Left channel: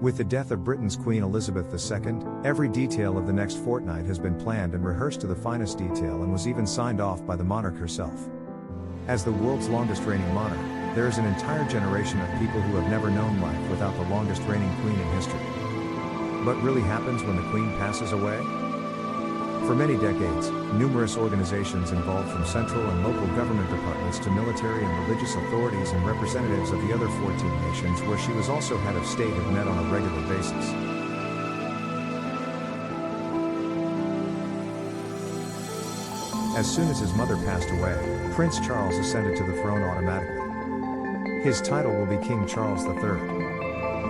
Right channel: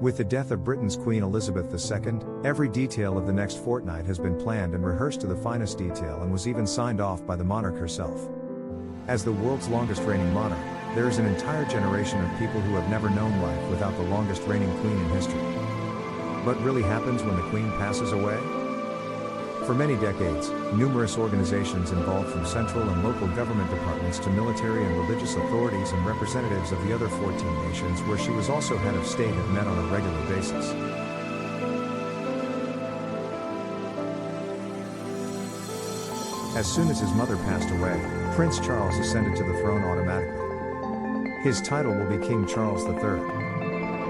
With the death of Britain's Queen Elizabeth II, every detail of the next fortnight has been planned and rehearsed to the finest detail and was even signed off by the monarch herself. As the world's longest reigning monarch, there is an entire generation of people who have never known life without the longest reigning queen in history. What really happens when the queen passes away? For many decades, numerous organizations involved from central and local government departments to military and religious authorities and representatives of the other 14 nations where she was also head of state have met on a regular basis. As soon as his mother passed away, Prince Charles ascended to the throne automatically. His title will be King Charles III.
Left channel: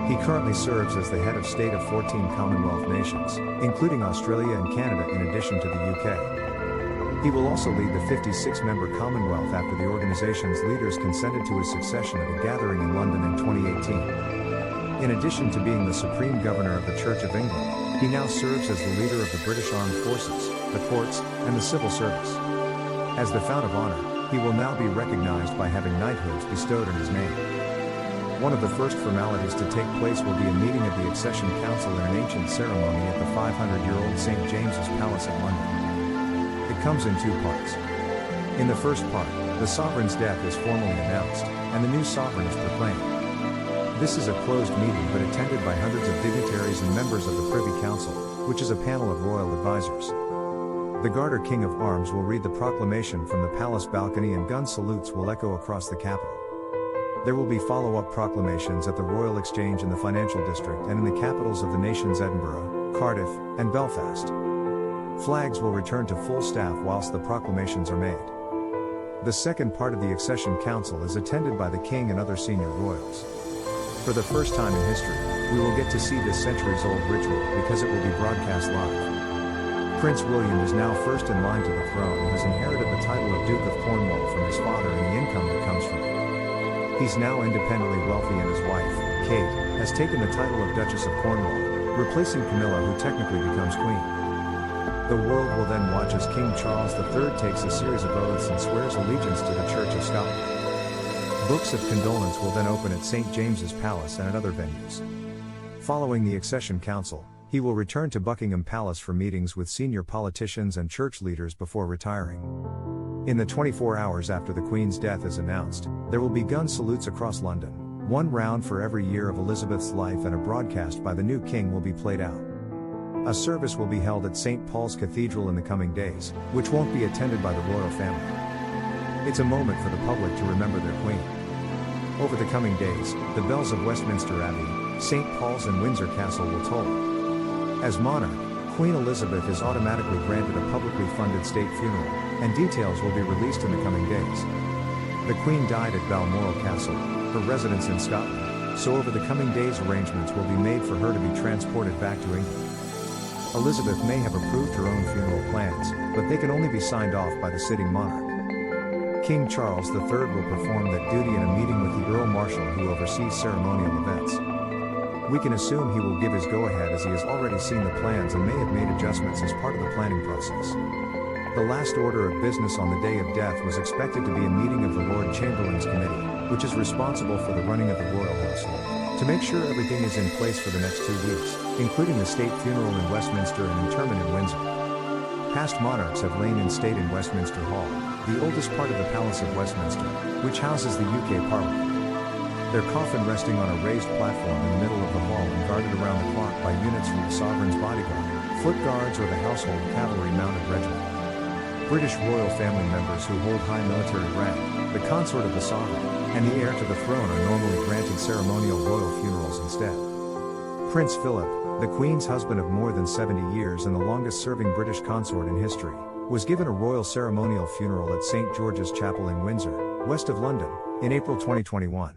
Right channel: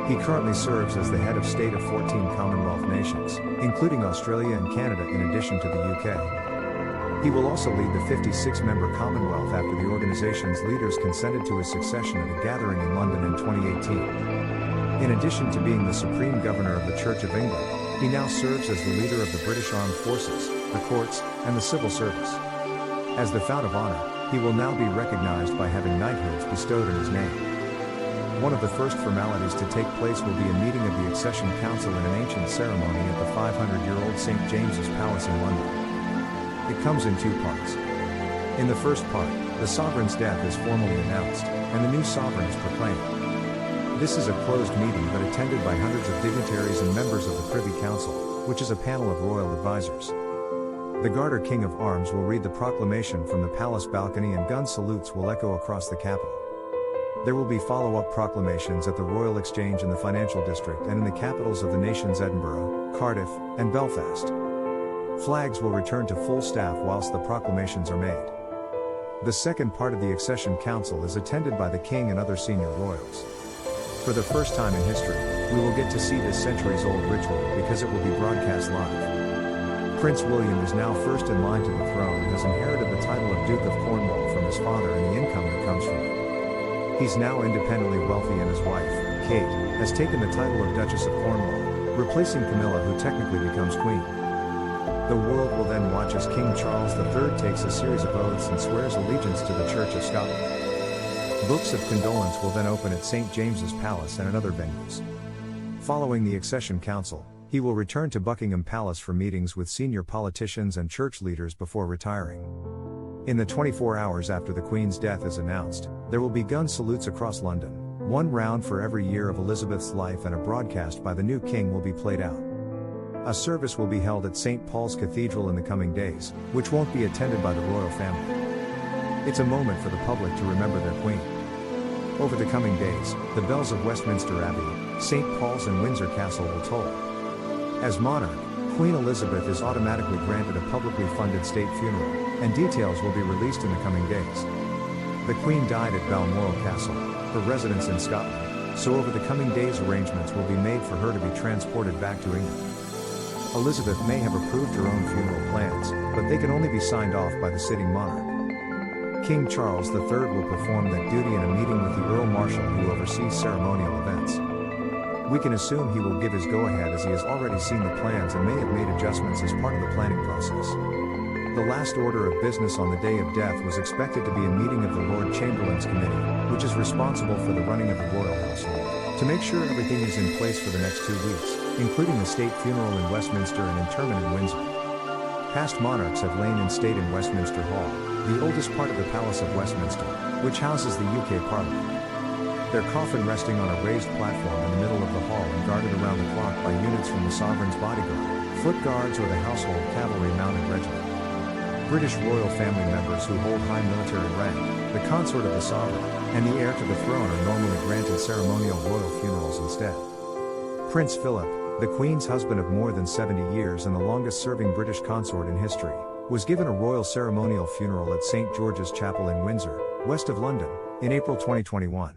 He currently serves as the head of state of 14 Commonwealth nations, including Australia and Canada in addition to the UK. He will also lead the 56-member Commonwealth after the organization's leaders consented to his succession at a gathering in London in 2018. In addition to being the Supreme Governor of the Church of England, he now serves as the leader of the British Armed Forces, the courts, and the civil service. As the Fount of Honor, he will now be recognized by having knighthoods bestowed in his name. One of the first formalities to take place will be a meeting of the Accession Council in an ancient ceremony at the 500-year-old St. James's Palace in London. It comes in two parts. In the first part, the sovereign's death is formally announced, and the new sovereign is proclaimed. This is a closed meeting but attended by hundreds of dignitaries and members of the Privy Council, which is a panel of royal advisors. The Garter King of Arms will read the proclamation from the palace balcony and gun salutes will echo across the capital. There will be follow-up proclamations at the Royal Exchange in the Financial District and in the capitals of the nations Edinburgh, Cardiff, and Belfast. Flags will return to full staff whilst the proclamations are made. The second part of the Accession Council is attended by the King and other senior royals. For the first time in history, we will get to see this centuries-old ritual because it will be broadcast live. Prince William is now first in line to the throne and has inherited the title of Duke of Cornwall from his father and the income that comes from it. He's now independently wealthy and his wife, Kate, has taken the title of Duchess of Cornwall, replacing Camilla who technically becomes Queen. The world will then watch as King Charles III takes a series of oaths and swears allegiance to the Church of Scotland. Books of condolence will then open at St. James's Palace and at other venues. Following the Accession Council, he will return to Buckingham Palace for meetings with senior politicians and church leaders before retiring. In the 24 hours after the Queen's death is announced, there will be gun salutes across London, one round for every year of Elizabeth's life, and a broadcast by the new king will be played out. A service will be held at St. Paul's Cathedral in the coming days, which won't be attended by the royal family. It's a moment for the public to remember their Queen. Over the coming days, the bells of Westminster Abbey, St. Paul's and Windsor Castle will toll. As monarch, Queen Elizabeth is automatically granted a publicly funded state funeral, and details will be released in the coming days. The Queen died at Balmoral Castle, her residence in Scotland, so over the coming days arrangements will be made for her to be transported back to England. Elizabeth may have approved her own funeral plans, but they can only be signed off by the sitting monarch. King Charles III will perform that duty in a meeting with the Earl Marshal who oversees ceremonial events. We can assume he will give his go-ahead as he has already seen the plans and may have made adjustments as part of the planning process. The last order of business on the day of death was expected to be a meeting of the Lord Chamberlain's Committee, which is responsible for the running of the royal household, to make sure everything is in place for the next 2 weeks, including the state funeral in Westminster and interment in Windsor. Past monarchs have lain in state in Westminster Hall, the oldest part of the Palace of Westminster, which houses the UK Parliament. Their coffin resting on a raised platform in the middle of the hall and guarded around the clock by units from the sovereign's bodyguard, foot guards or the household cavalry mounted regiment. British royal family members who hold high military rank, the consort of the sovereign, and the heir to the throne are normally granted ceremonial royal funerals instead. Prince Philip, the Queen's husband of more than 70 years and the longest-serving British consort in history, was given a royal ceremonial funeral at St. George's Chapel in Windsor, west of London, in April 2021.